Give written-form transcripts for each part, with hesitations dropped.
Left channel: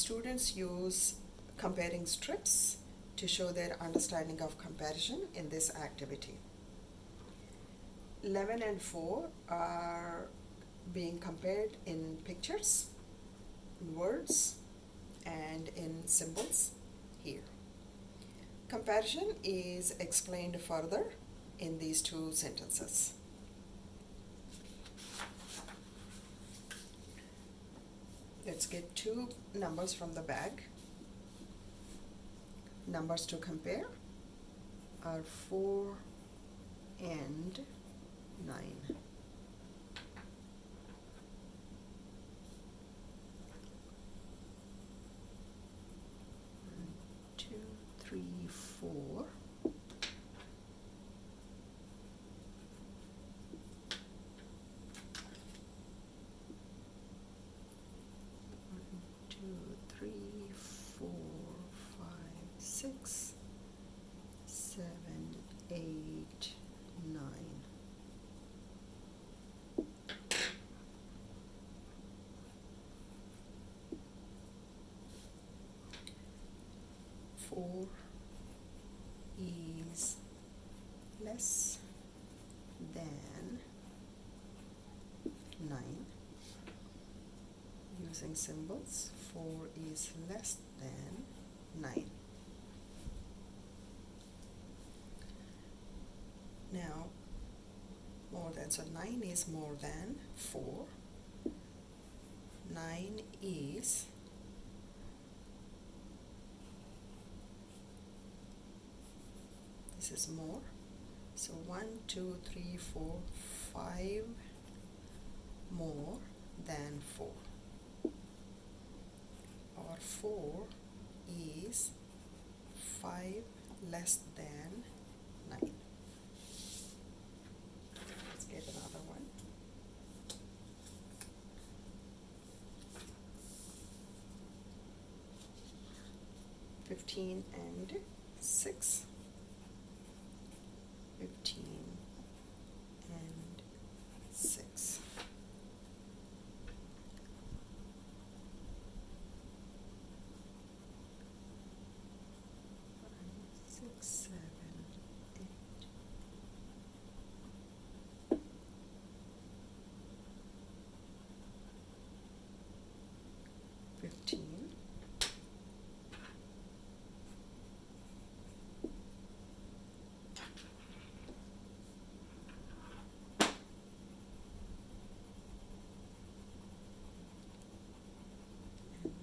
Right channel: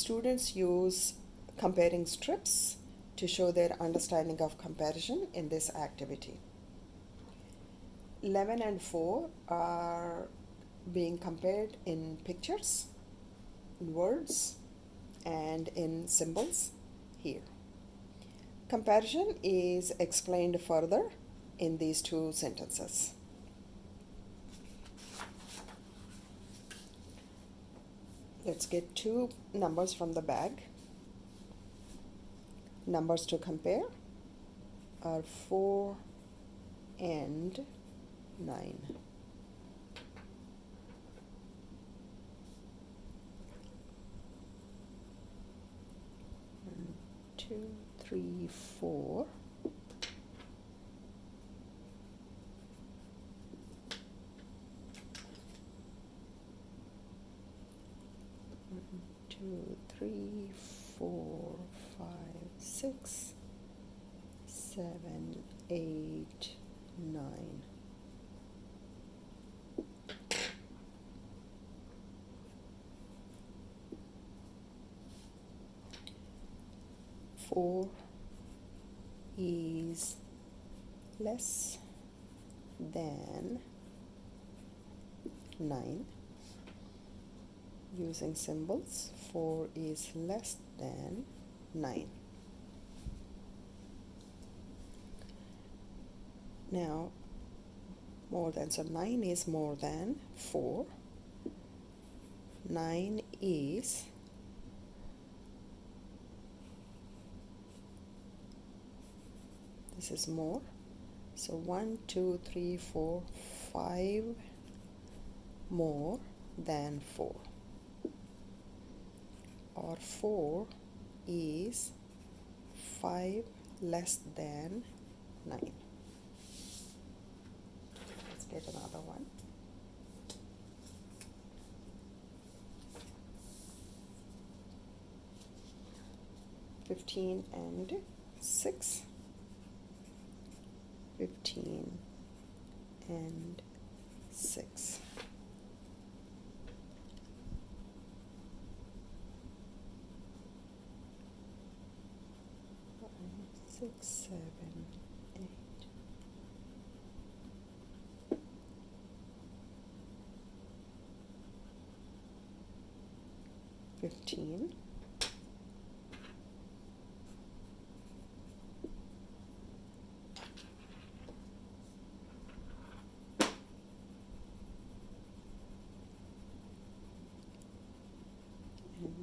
Students use comparing strips to show their understanding of comparison in this activity. 11 and 4 are being compared in pictures, in words, and in symbols here. Comparison is explained further in these two sentences. Let's get two numbers from the bag. Numbers to compare are 4 and 9. 1, 2, 3, 4. 2, 3, 4, 5, 6, 7, 8, 9. Four is less than 9. Using symbols, 4 is less than 9. Now, more than, so 9 is more than 4. 9 is this is more. So 1, 2, 3, 4, 5 more than 4. Or 4 is 5 less than 9. Let's get another one. Fifteen and 6. 15 and 6. 6, 7, 8. 15.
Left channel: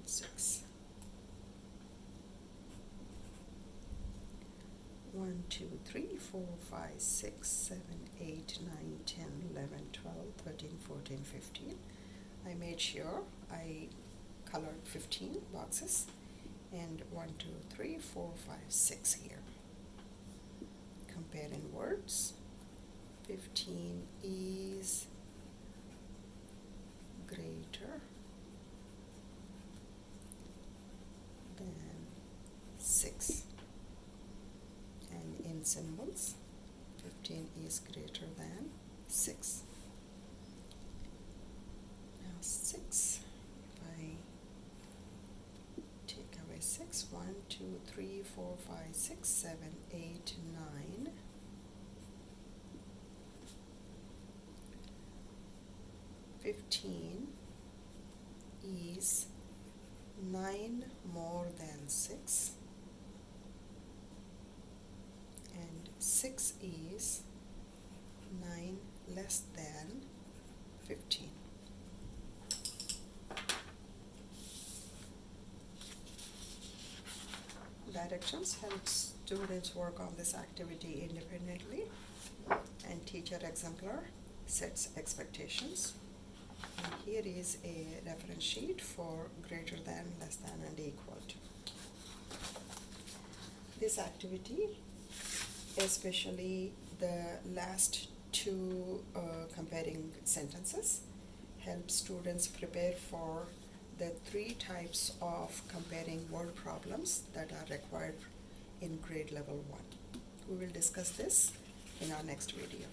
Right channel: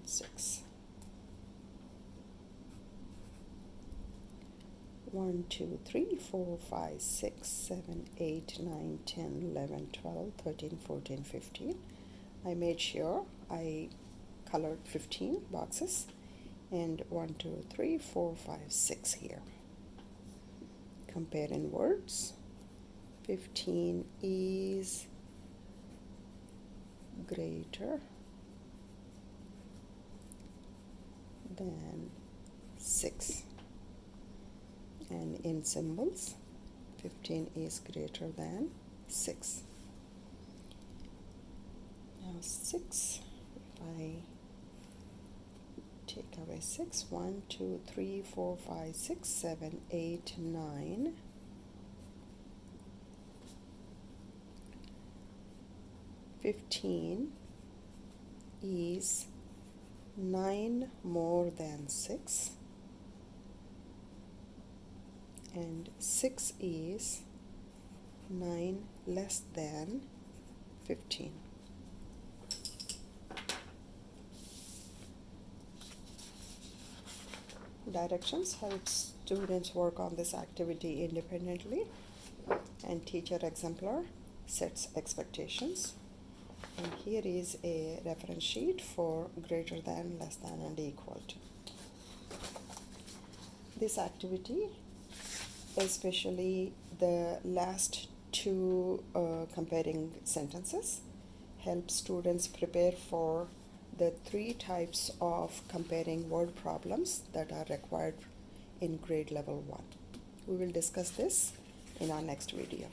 6. 1, 2, 3, 4, 5, 6, 7, 8, 9, 10, 11, 12, 13, 14, 15. I made sure I colored 15 boxes, and 1, 2, 3, 4, 5, 6 here. Compare in words. 15 is greater than 6. And in symbols, 15 is greater than 6. Now 6, if I take away 6, 1, 2, 3, 4, 5, 6, 7, 8, 9. 15 is 9 more than 6. And 6 is 9 less than 15. Directions help students work on this activity independently, and teacher exemplar sets expectations. And here is a reference sheet for greater than, less than, and equal to. This activity, especially the last two comparing sentences, help students prepare for the 3 types of comparing word problems that are required in grade level 1. We will discuss this in our next video.